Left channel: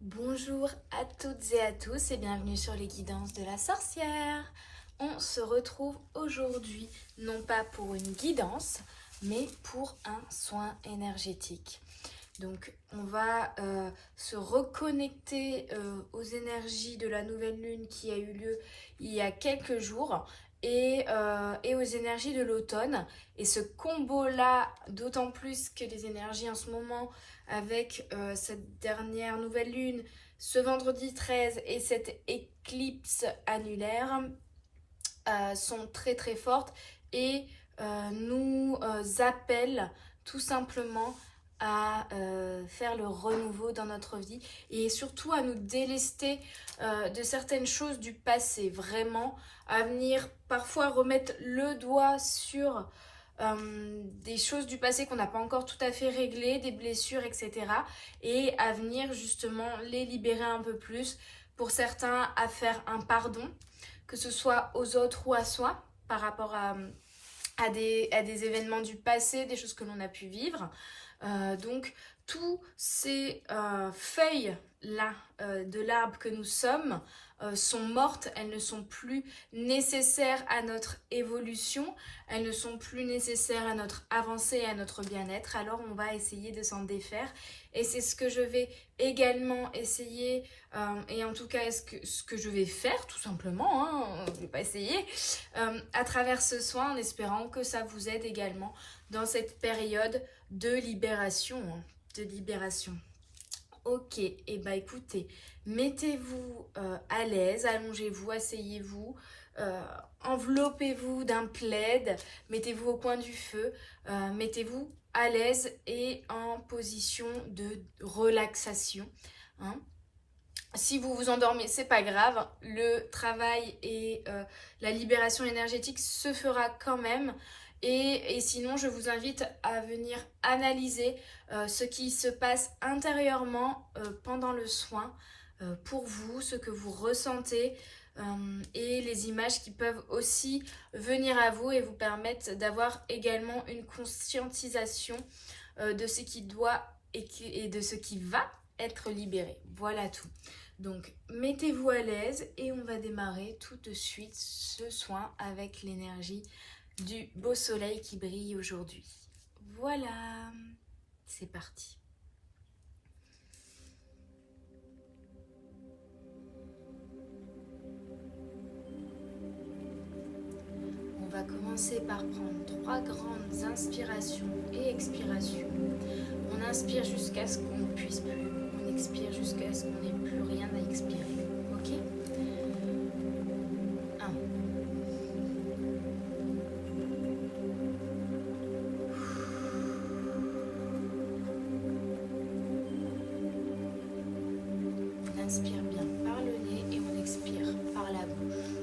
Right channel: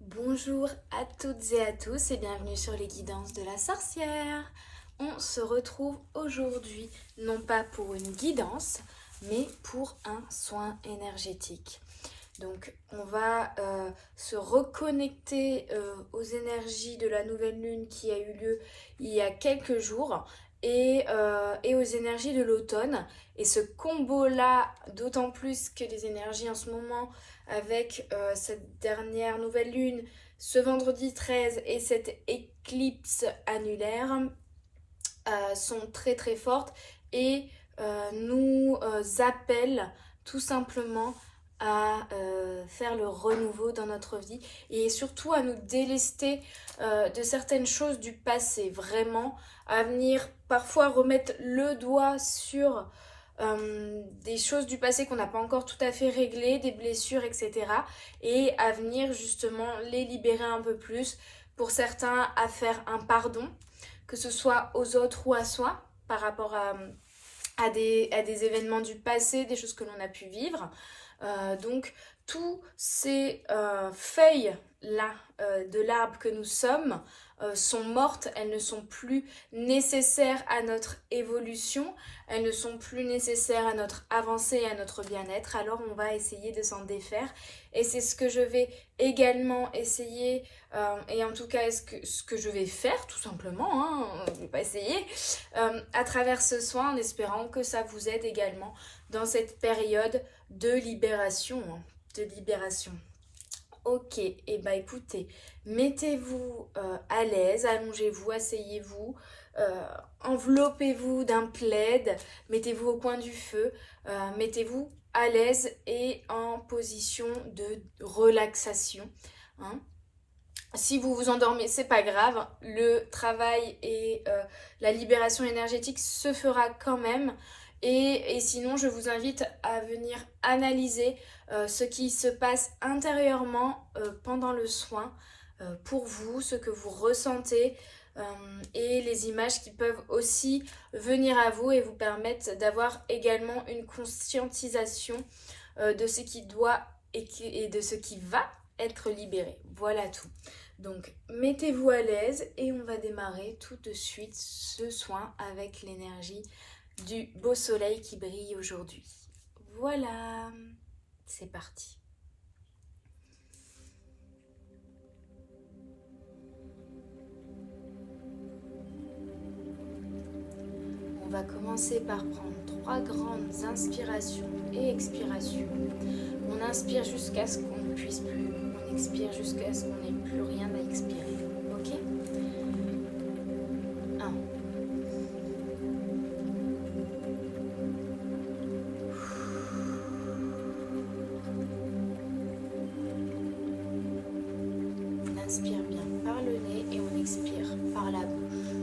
Bonjour à toutes et à tous et bienvenue sur les guidances de la sorcière. On se retrouve aujourd'hui non pas pour une guidance mais pour un soin énergétique. Donc on va se reconnecter aux énergies de la nouvelle lune qui a eu lieu il y a quelques jours et aux énergies de l'automne. Et ce combo-là, d'autant plus que les énergies en ce moment avec cette dernière nouvelle lune, ce vendredi 13 et cette éclipse annulaire sont très très fortes et nous appellent tout simplement à faire le renouveau dans notre vie et surtout à nous délester de certaines choses du passé, vraiment à venir parfois remettre le doigt sur des choses du passé qu'on n'a pas encore tout à fait réglées, des blessures, etc. Et à venir justement les libérer un peu plus, pour certains à faire un pardon, que ce soit aux autres ou à soi, par rapport à des événements du passé, des choses que l'on a pu vivre. Donc, tous ces feuilles-là de l'arbre que nous sommes sont mortes, elles ne sont plus nécessaires à notre évolution, elles ne sont plus nécessaires à notre avancée et à notre bien-être, alors on va essayer de s'en défaire. Et c'est ce que je vais également essayer, et en tout cas ce que je vais faire tout simplement, hein, je ne vais pas essayer, à travers ce soin en espérant que ça vous aide également dans cette période de libération, hein, de libération. Ok, et bah écoutez, mettez-vous à l'aise, allongez-vous, asseyez-vous, enveloppez-vous d'un plaid, mettez-vous au coin du feu, mettez-vous à l'aise et en position de relaxation, hein. Si vous vous endormez, c'est pas grave, le travail et la libération énergétique se fera quand même. Et sinon, je vous invite à venir analyser ce qui se passe intérieurement pendant le soin pour vous, ce que vous ressentez et les images qui peuvent aussi venir à vous et vous permettre d'avoir également une conscientisation de ce qui doit et de ce qui va être libéré. Voilà tout. Donc, mettez-vous à l'aise et on va démarrer tout de suite ce soin avec l'énergie du beau soleil qui brille aujourd'hui. Voilà, c'est parti. On va commencer par prendre 3 grandes inspirations et expirations. On inspire jusqu'à ce qu'on ne puisse plus. On expire jusqu'à ce qu'on n'ait plus rien à expirer. Ok ? 1. On inspire bien par le nez et on expire par la bouche.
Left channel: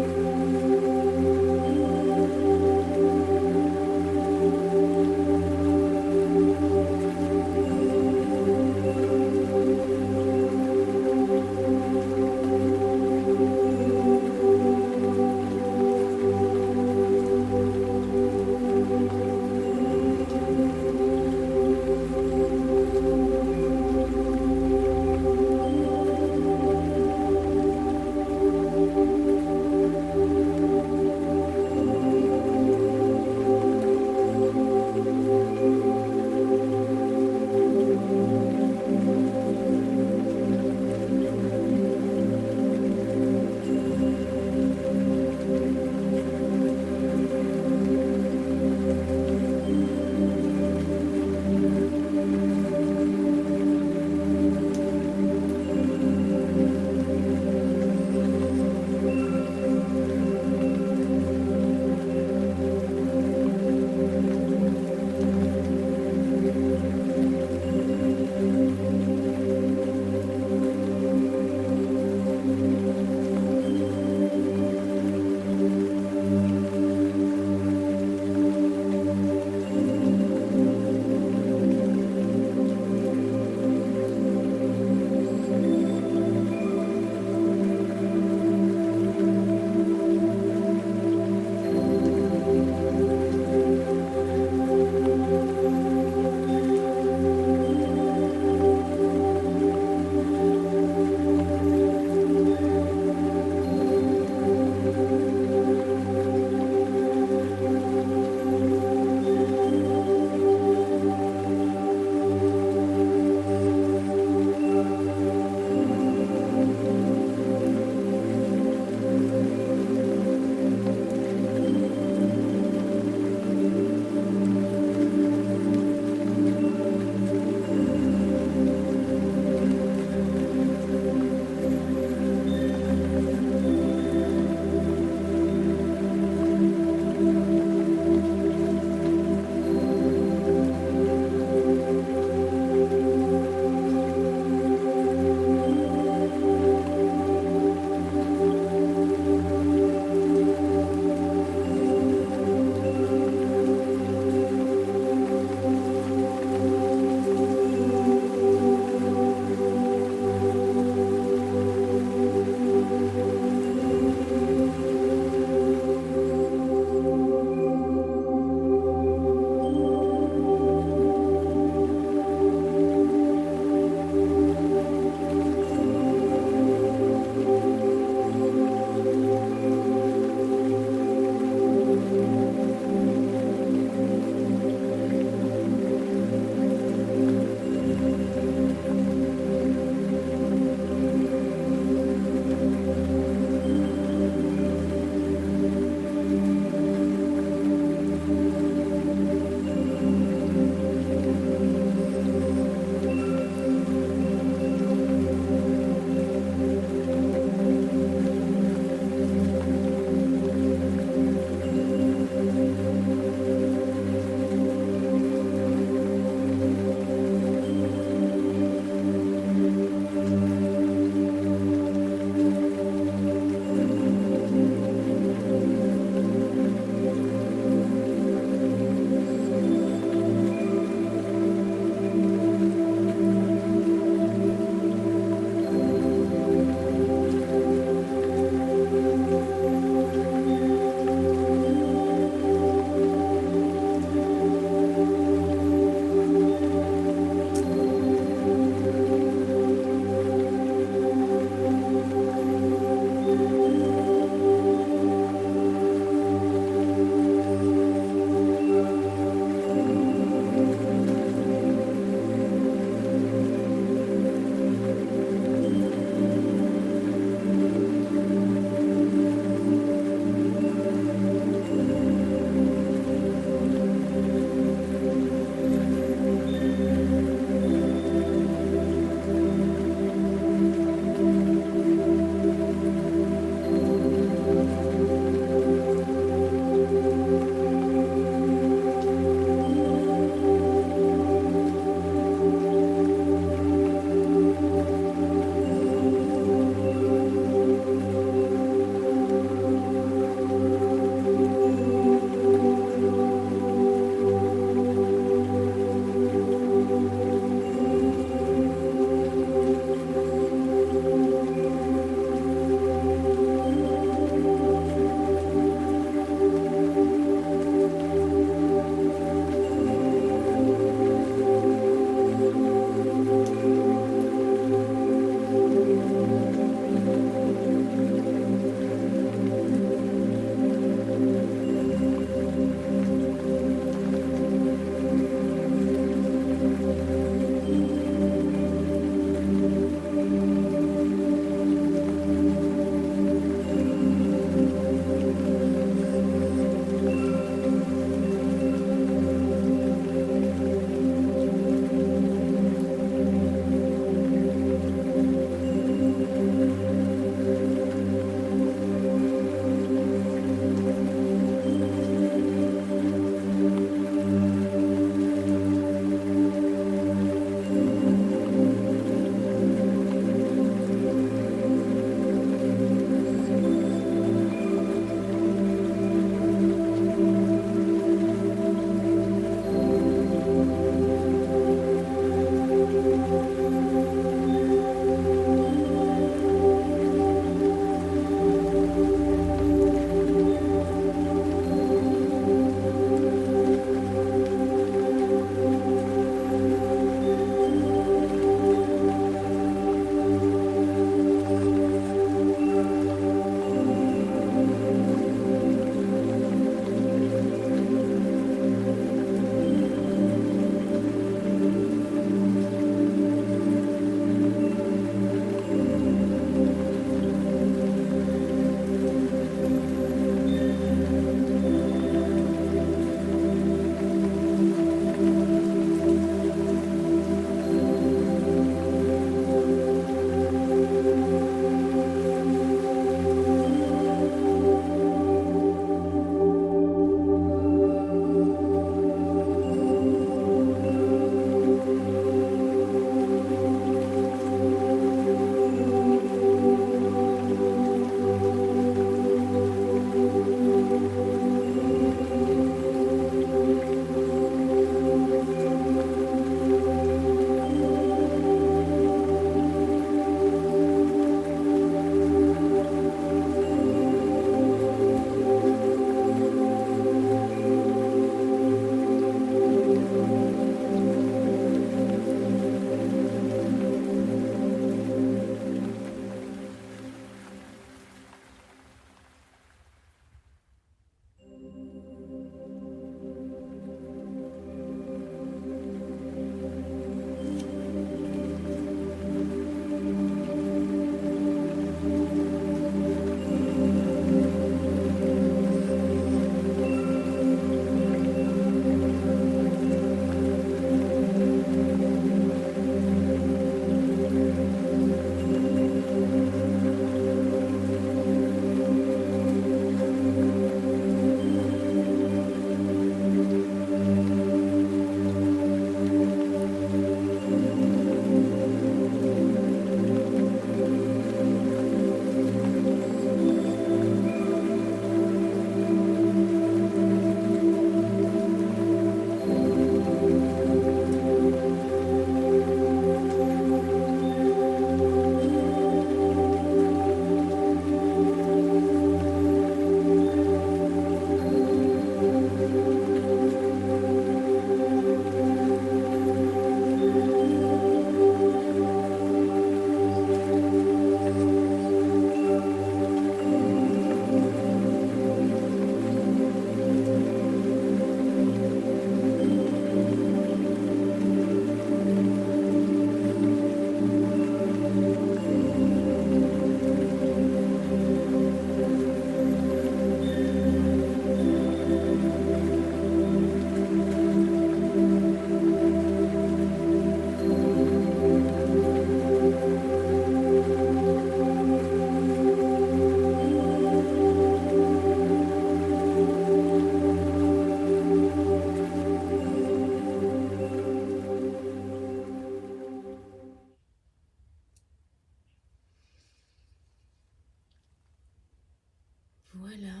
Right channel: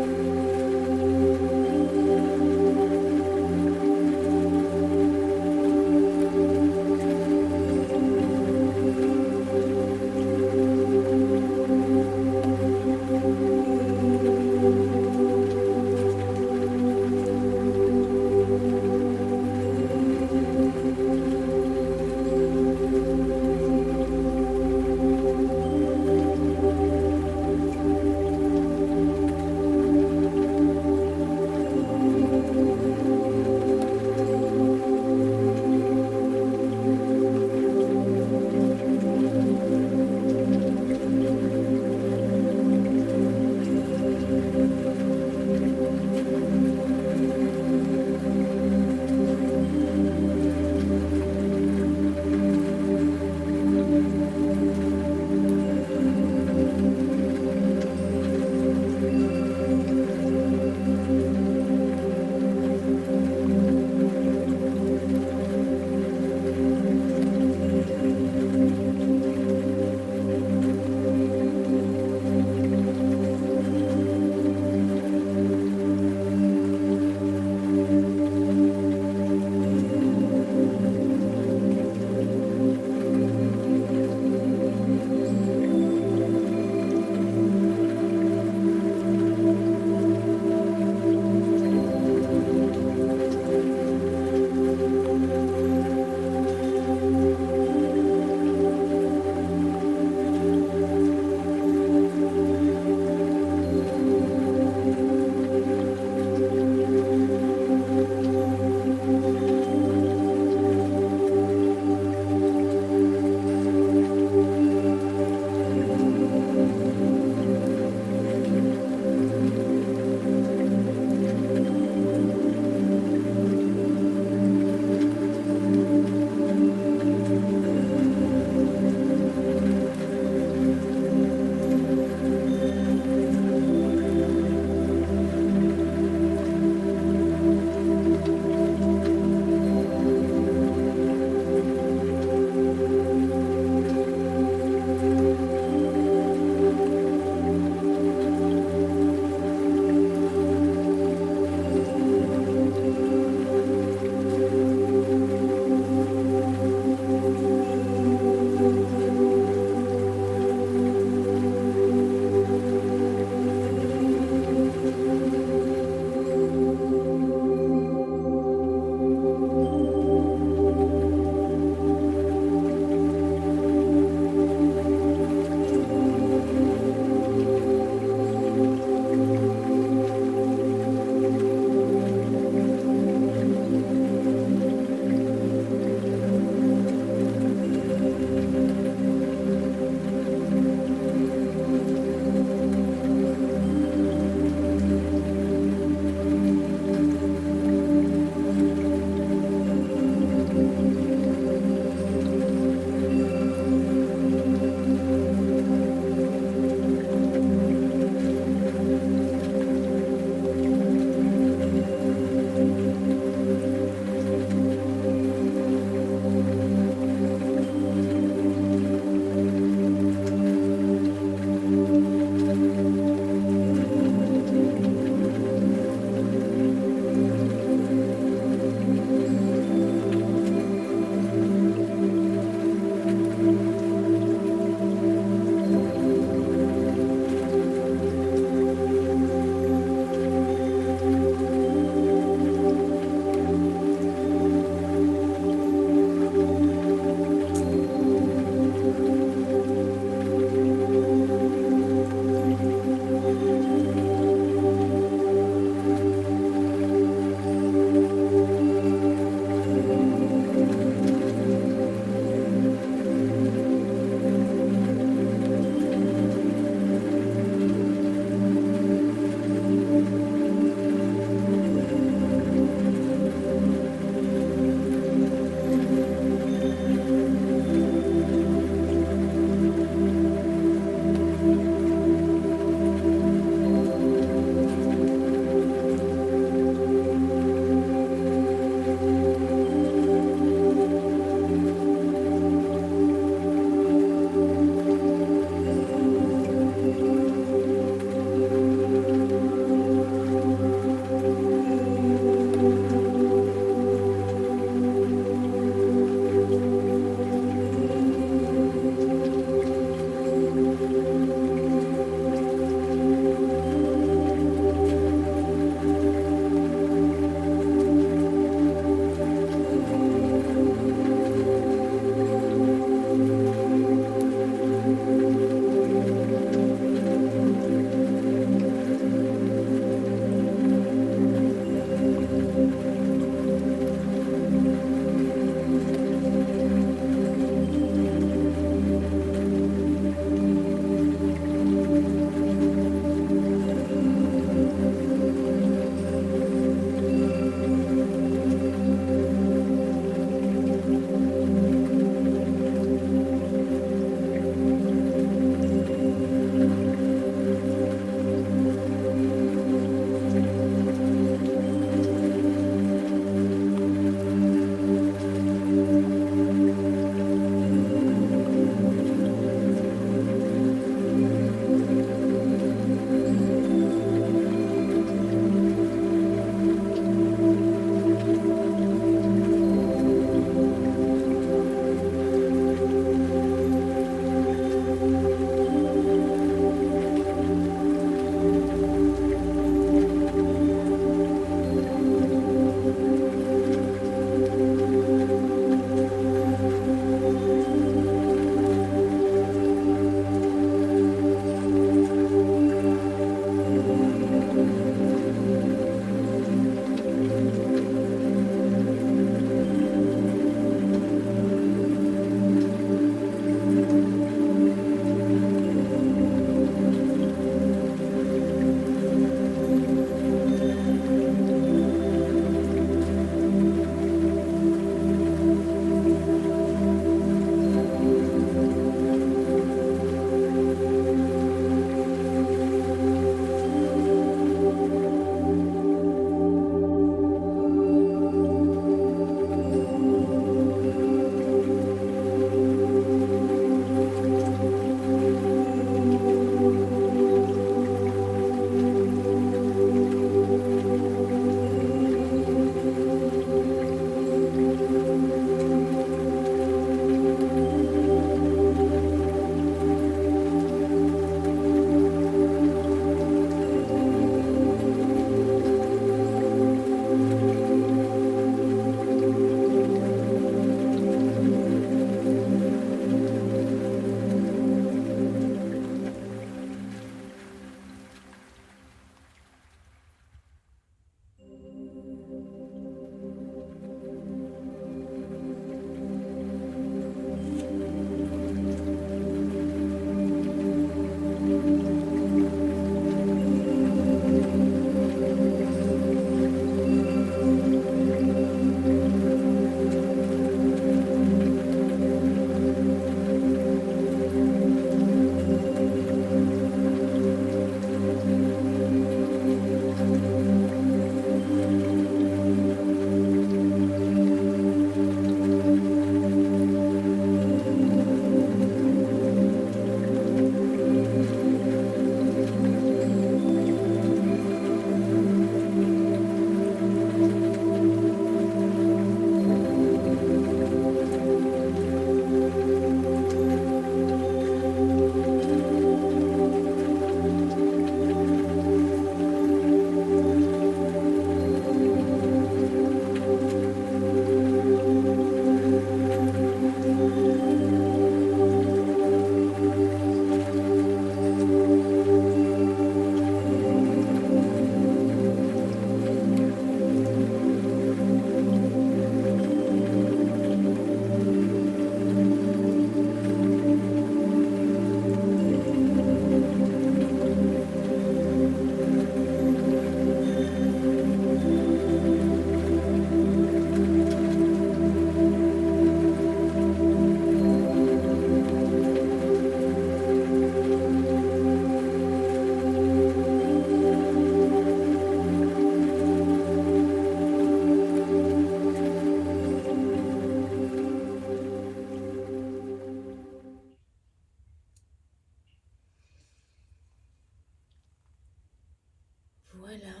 Voilà,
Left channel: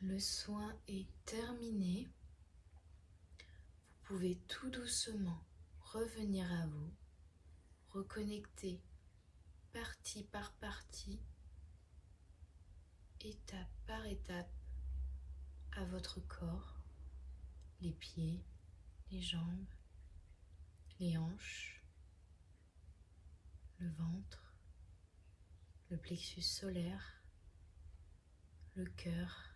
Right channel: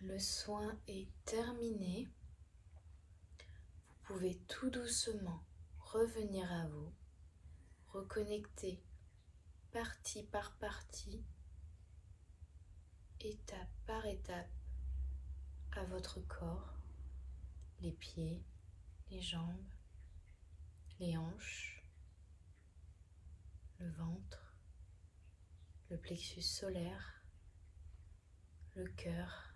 le soin est terminé. Vous pouvez tout doucement revenir à vous, reconnecter partie par partie, étape par étape, à votre corps, les pieds, les jambes, les hanches, le ventre, le plexus solaire, le cœur,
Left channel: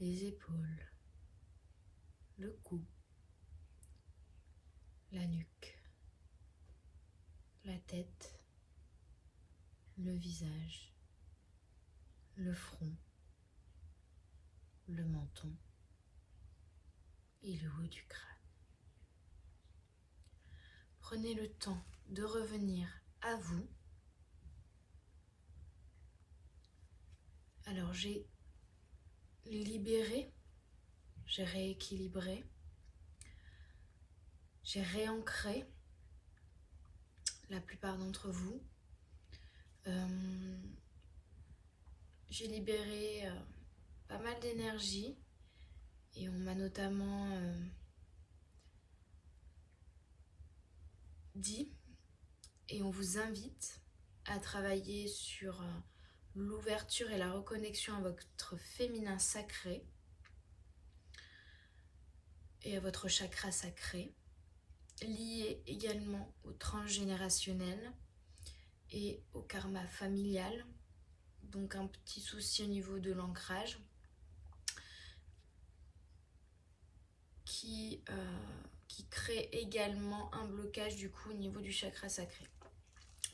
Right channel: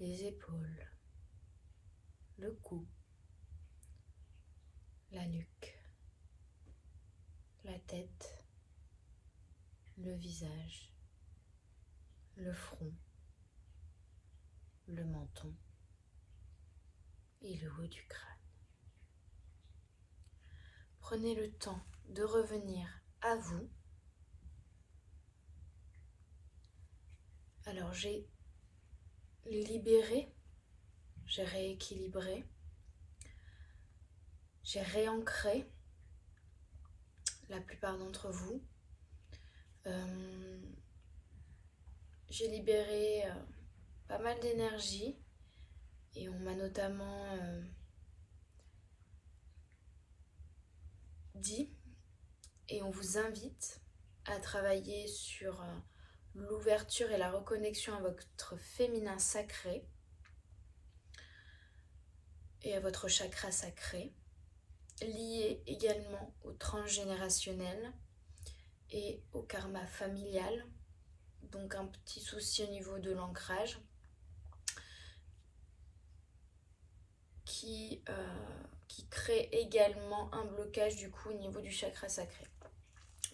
les épaules, le cou, la nuque, la tête, le visage, le front, le menton et le haut du crâne. Prenez le temps de revenir à vous. Alors j'ai libéré, j'ai rééquilibré, j'ai réancré la plupart d'entre vous. J'ai libéré pas mal d'énergie et on m'a notamment dit, et on vous invite à travailler sur l'ouverture et la reconnexion à votre féminin sacré et à votre chakra sacré, lié également au transgénérationnel et au karma familial, donc un petit souci au niveau de l'ancrage qui crée également un blocage du coup au niveau du chakra sacré.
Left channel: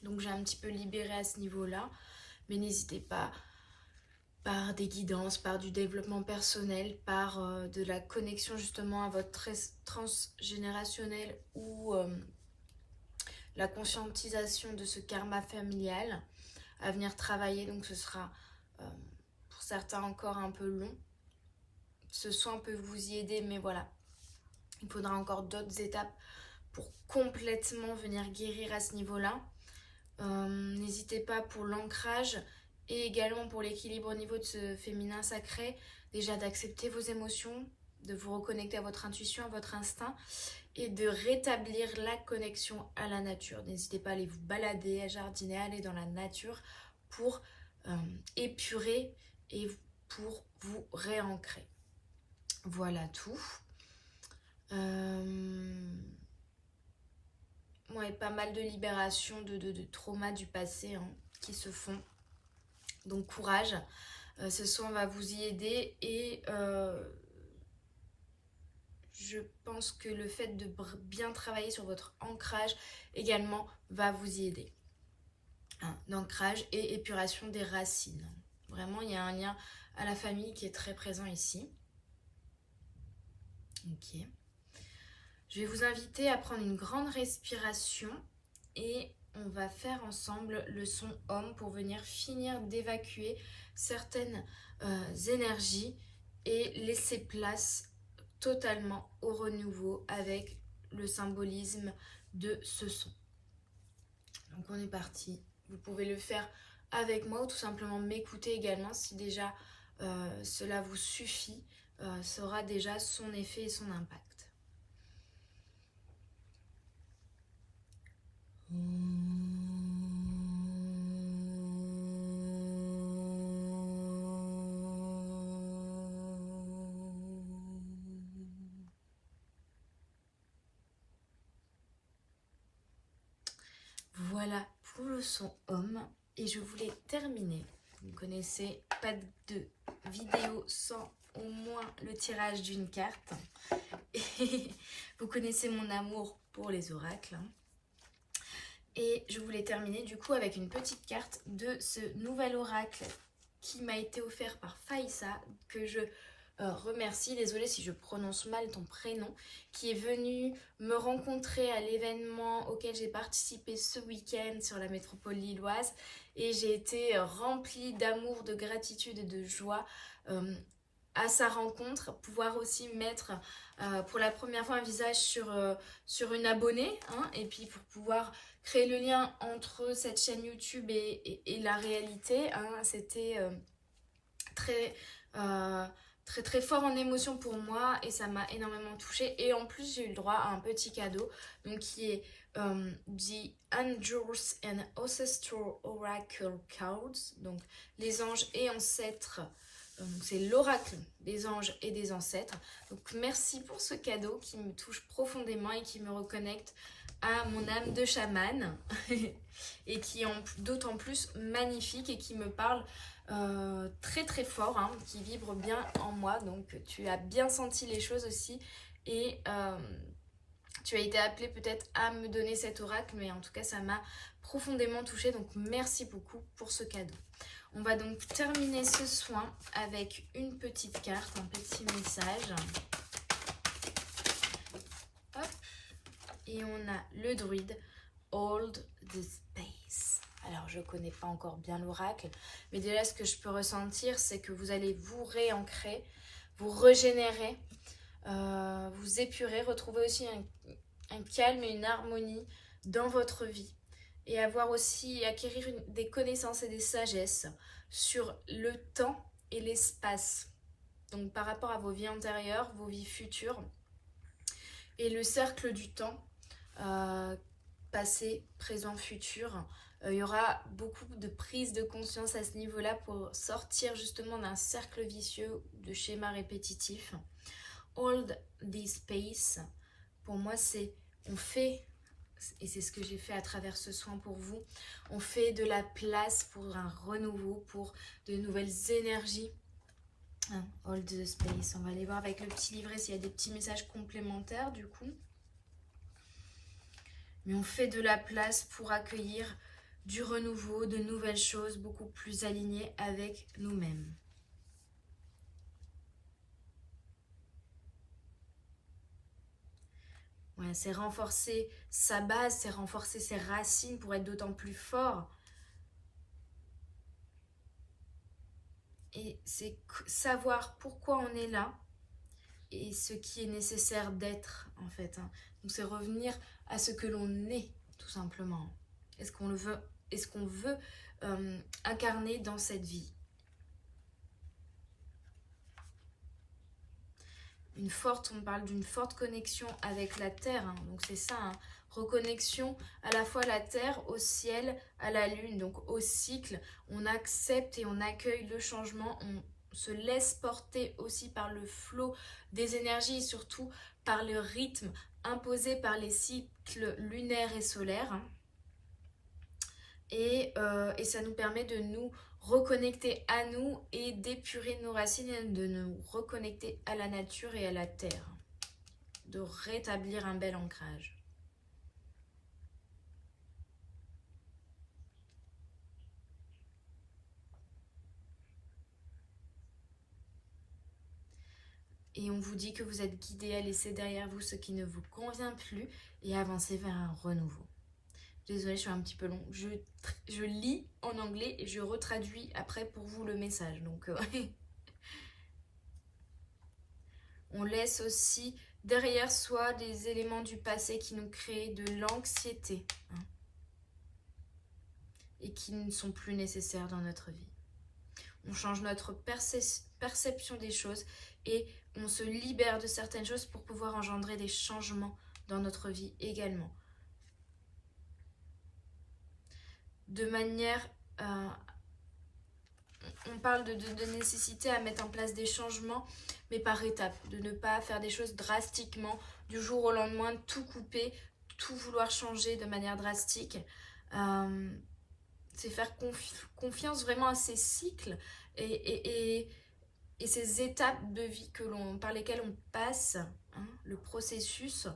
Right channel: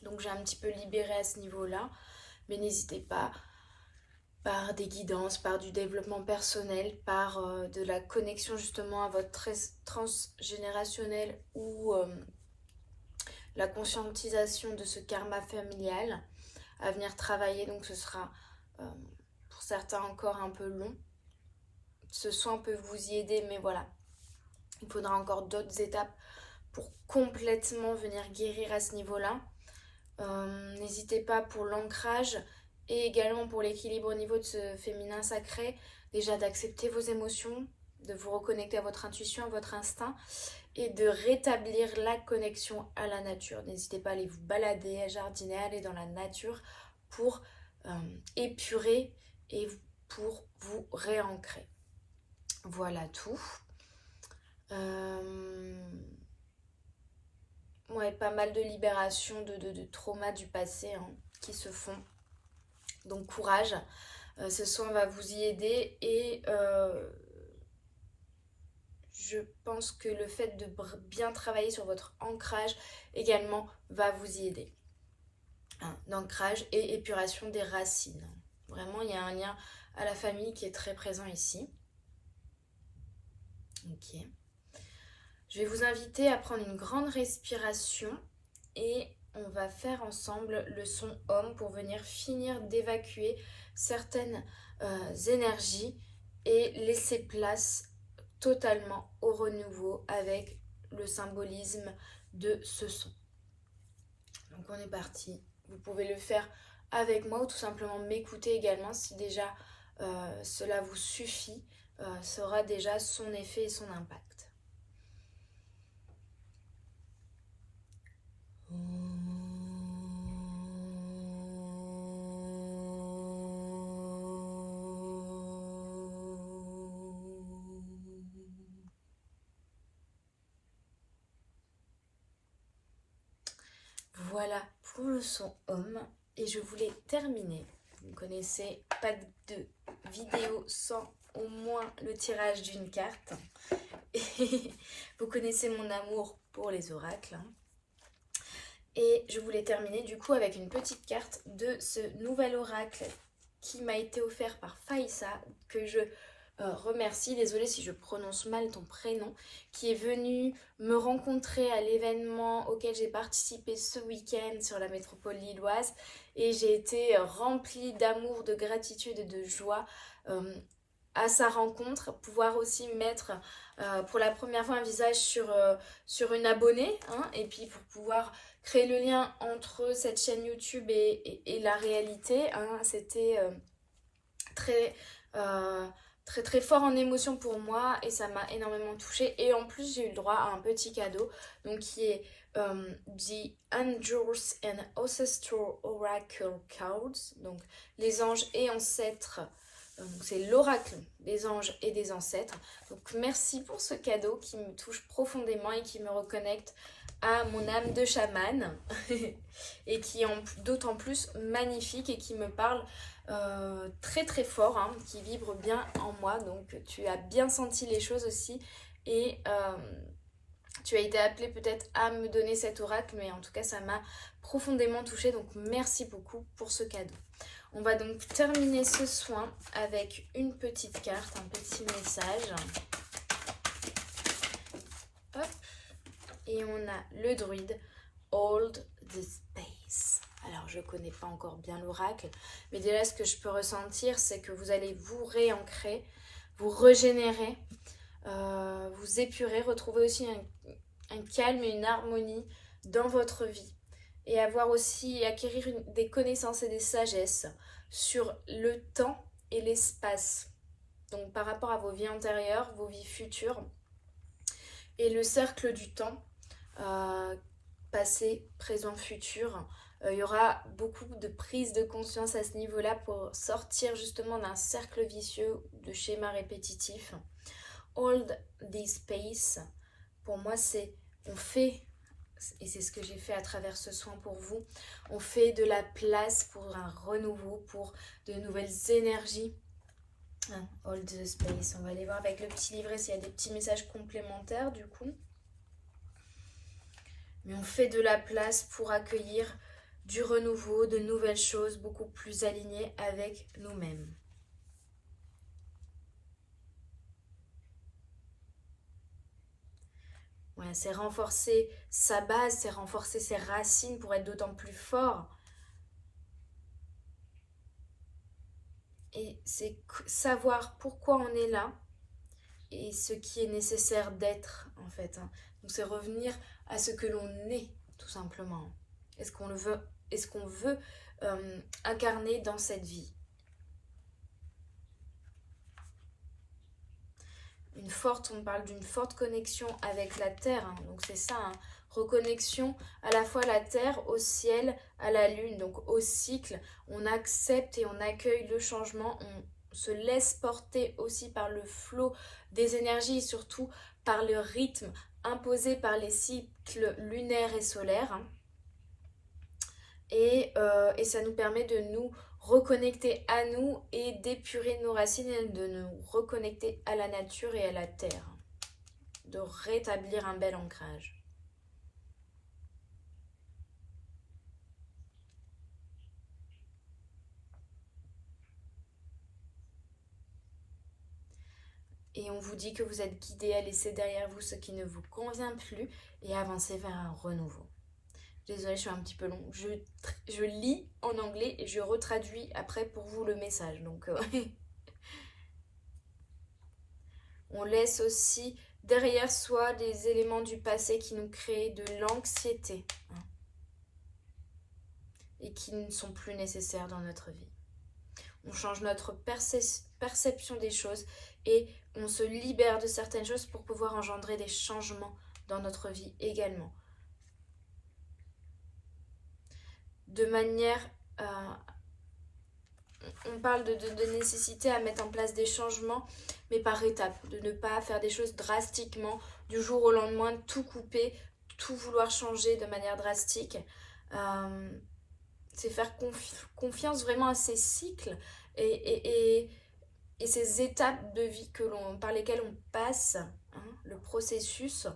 Donc j'ai un petit peu libéré à ce niveau-là, mais n'hésitez pas, par des guidances, par du développement personnel, par de la connexion justement à votre transgénérationnel ou la conscientisation de ce karma familial à venir travailler. Donc ce sera pour certains encore un peu long. Ce soin peut vous y aider, mais voilà, il faudra encore d'autres étapes pour complètement venir guérir à ce niveau-là. N'hésitez pas pour l'ancrage et également pour l'équilibre au niveau de ce féminin sacré, déjà d'accepter vos émotions, de vous reconnecter à votre intuition, à votre instinct et de rétablir la connexion à la nature. N'hésitez pas à aller vous balader, à jardiner, à aller dans la nature pour épurer et pour vous réancrer. Voilà tout. Ouais, pas mal de libération de traumas du passé qui se font. Donc courage, ce soin va vous y aider et je pense que le fait de bien travailler sur votre ancrage également va vous y aider. D'ancrage et épuration des racines. Vraiment, il y a un lien à la famille qui est très présent ici. Ok. Je vais vous inviter à prendre une grande respiration et on va faire ensemble le son Om pour venir finir d'évacuer certaines énergies et laisser place totalement au renouveau avec le symbolisme de ce son. Donc on est parti. Vous pouvez le faire avec moi ou tout simplement m'écouter également si déjà cela vous suffit. Ça aura déjà son effet et son impact. Voilà pour le son Om et je voulais terminer. Vous connaissez, pas de vidéo sans au moins le tirage d'une carte. Et vous connaissez mon amour pour les oracles. Et je voulais terminer du coup avec une petite carte de ce nouvel oracle qui m'a été offert par Faïssa, que je remercie, désolée si je prononce mal ton prénom, qui est venue me rencontrer à l'événement auquel j'ai participé ce week-end sur la métropole lilloise et j'ai été remplie d'amour, de gratitude et de joie à sa rencontre, pouvoir aussi mettre pour la première fois un visage sur une abonnée et puis pour pouvoir créer le lien entre cette chaîne YouTube et la réalité, c'était très, très fort en émotion pour moi et ça m'a énormément touchée. Et en plus, j'ai eu le droit à un petit cadeau, donc qui est The Angels and Ancestral Oracle Cards, donc les anges et ancêtres. Donc c'est l'oracle des anges et des ancêtres. Donc merci pour ce cadeau qui me touche profondément et qui me reconnecte à mon âme de chamane et qui est d'autant plus magnifique et qui me parle très fort, hein, qui vibre bien en moi. Donc tu as bien senti les choses aussi et tu as été appelé peut-être à me donner cet oracle, mais en tout cas ça m'a profondément touchée, donc merci beaucoup pour ce cadeau. On va donc terminer ce soin avec une petite carte, un petit message. Hop. Et on a le druide Hold the Space. Alors je connais pas encore bien l'oracle, mais déjà ce que je peux ressentir, c'est que vous allez vous réancrer, vous régénérer, vous épurer, retrouver aussi un calme et une harmonie dans votre vie. Et avoir aussi, acquérir des connaissances et des sagesses sur le temps et l'espace. Donc par rapport à vos vies antérieures, vos vies futures, et le cercle du temps, passé, présent, futur. Il y aura beaucoup de prise de conscience à ce niveau-là pour sortir justement d'un cercle vicieux, de schémas répétitifs. Hold this space, pour moi c'est, on fait, et c'est ce que j'ai fait à travers ce soin pour vous, on fait de la place pour un renouveau, pour de nouvelles énergies. Hold the space, on va aller voir avec le petit livret s'il y a des petits messages complémentaires du coup. Mais on fait de la place pour accueillir du renouveau, de nouvelles choses beaucoup plus alignées avec nous-mêmes. Ouais, c'est renforcer sa base, c'est renforcer ses racines pour être d'autant plus fort. Et c'est savoir pourquoi on est là et ce qui est nécessaire d'être en fait. Donc c'est revenir à ce que l'on est tout simplement. Est-ce qu'on le veut, est-ce qu'on veut incarner dans cette vie? On parle d'une forte connexion avec la terre, hein, donc c'est ça, hein, reconnexion à la fois à la terre, au ciel, à la lune, donc au cycle. On accepte et on accueille le changement, on se laisse porter aussi par le flot des énergies et surtout par le rythme imposé par les cycles lunaires et solaires. Hein. Et ça nous permet de nous reconnecter à nous et d'épurer nos racines et de nous reconnecter à la nature et à la terre, de rétablir un bel ancrage. Et on vous dit que vous êtes guidé à laisser derrière vous ce qui ne vous convient plus et avancer vers un renouveau. Désolée, je suis un petit peu long. Je lis en anglais et je retraduis après pour vous le message. Donc, on laisse aussi derrière soi des éléments du passé qui nous créent de l'anxiété, hein, et qui ne sont plus nécessaires dans notre vie. On change notre perception des choses et on se libère de certaines choses pour pouvoir engendrer des changements dans notre vie également. De manière, on parle de nécessité à mettre en place des changements, mais par étapes, de ne pas faire des choses drastiquement, du jour au lendemain, tout couper, tout vouloir changer de manière drastique. C'est faire confiance vraiment à ces cycles et ces étapes de vie par lesquelles on passe, hein, le processus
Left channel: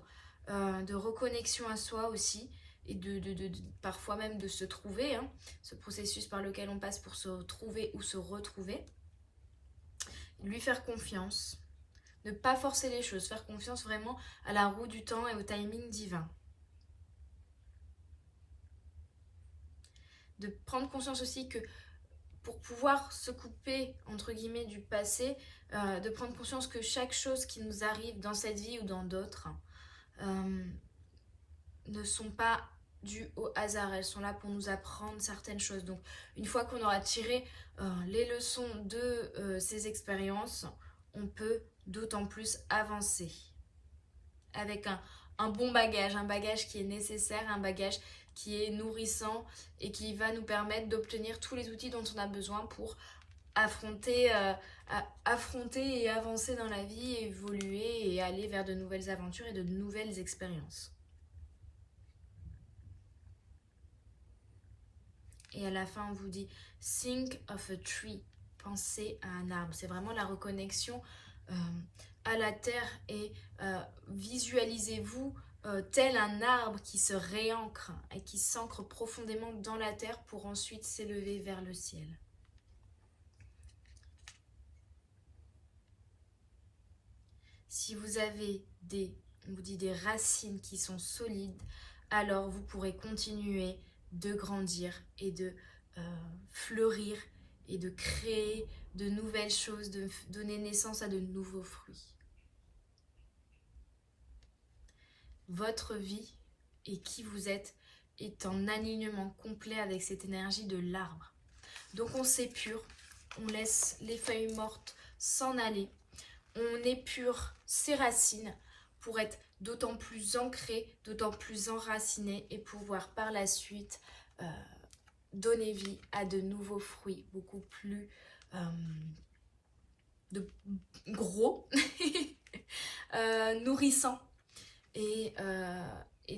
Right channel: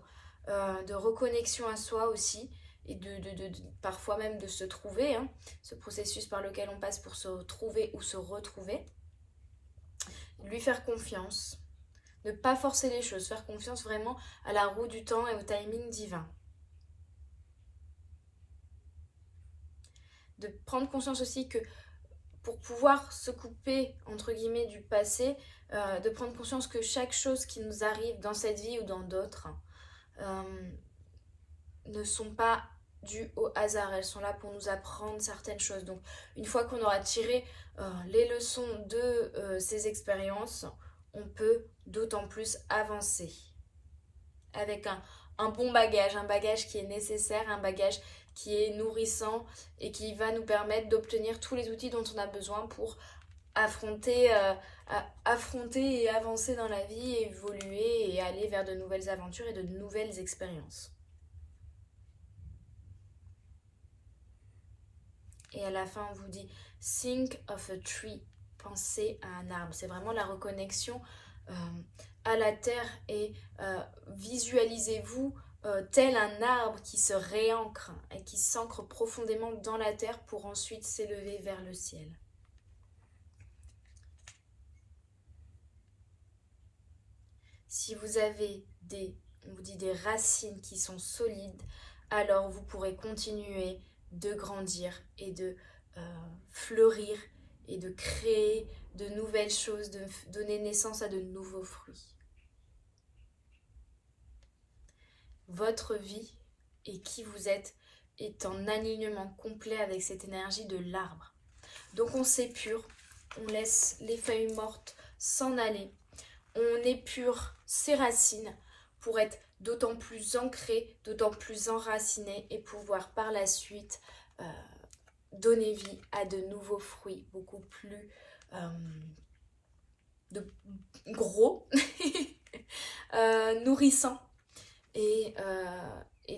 de reconnexion à soi aussi, et parfois même de se trouver, hein, ce processus par lequel on passe pour se trouver ou se retrouver. Lui faire confiance, ne pas forcer les choses, faire confiance vraiment à la roue du temps et au timing divin. De prendre conscience aussi que pour pouvoir se couper, entre guillemets, du passé, de prendre conscience que chaque chose qui nous arrive dans cette vie ou dans d'autres ne sont pas dues au hasard, elles sont là pour nous apprendre certaines choses. Donc une fois qu'on aura tiré les leçons de ces expériences, on peut d'autant plus avancer avec un bon bagage, un bagage qui est nécessaire, un bagage qui est nourrissant et qui va nous permettre d'obtenir tous les outils dont on a besoin pour affronter et avancer dans la vie, évoluer et aller vers de nouvelles aventures et de nouvelles expériences. Et à la fin, on vous dit « Think of a tree », pensez à un arbre. C'est vraiment la reconnexion à la terre et visualisez-vous tel un arbre qui se réancre et qui s'ancre profondément dans la terre pour ensuite s'élever vers le ciel. Si vous avez on vous dit des racines qui sont solides, alors vous pourrez continuer de grandir et de fleurir et de créer de nouvelles choses, de donner naissance à de nouveaux fruits. Votre vie et qui vous êtes est en alignement complet avec cette énergie de l'arbre. Donc on s'épure, on laisse les feuilles mortes s'en aller, on épure ses racines pour être d'autant plus ancré, d'autant plus enraciné et pouvoir par la suite donner vie à de nouveaux fruits beaucoup plus gros, nourrissants et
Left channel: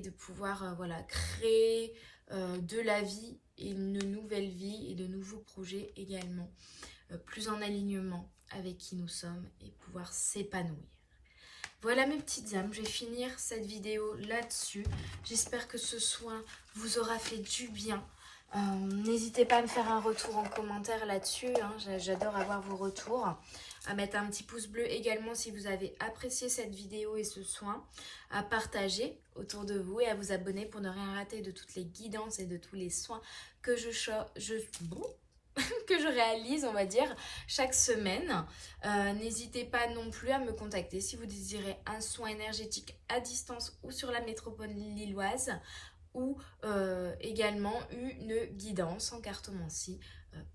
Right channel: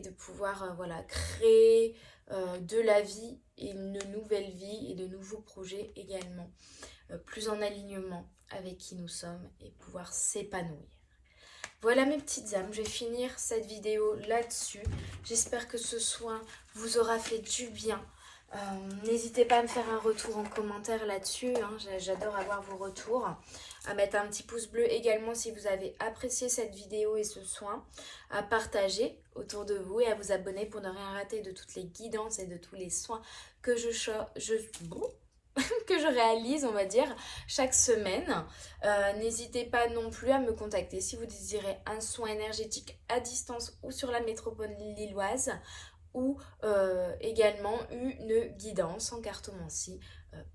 de pouvoir voilà, créer de la vie et une nouvelle vie et de nouveaux projets également, plus en alignement avec qui nous sommes et pouvoir s'épanouir. Voilà mes petites âmes, je vais finir cette vidéo là-dessus. J'espère que ce soin vous aura fait du bien. N'hésitez pas à me faire un retour en commentaire là-dessus, hein. J'adore avoir vos retours. À mettre un petit pouce bleu également si vous avez apprécié cette vidéo et ce soin. À partager autour de vous et à vous abonner pour ne rien rater de toutes les guidances et de tous les soins que que je réalise, on va dire, chaque semaine. N'hésitez pas non plus à me contacter si vous désirez un soin énergétique à distance ou sur la métropole lilloise ou également une guidance en cartomancie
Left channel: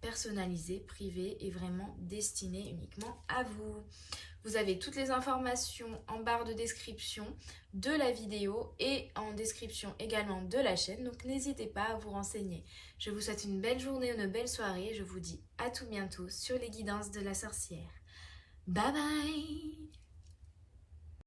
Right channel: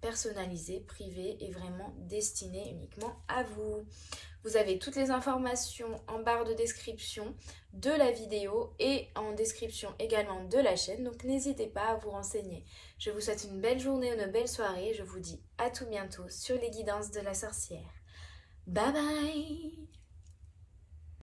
personnalisée, privée et vraiment destinée uniquement à vous. Vous avez toutes les informations en barre de description de la vidéo et en description également de la chaîne, donc n'hésitez pas à vous renseigner. Je vous souhaite une belle journée, une belle soirée et je vous dis à tout bientôt sur les guidances de la sorcière. Bye bye!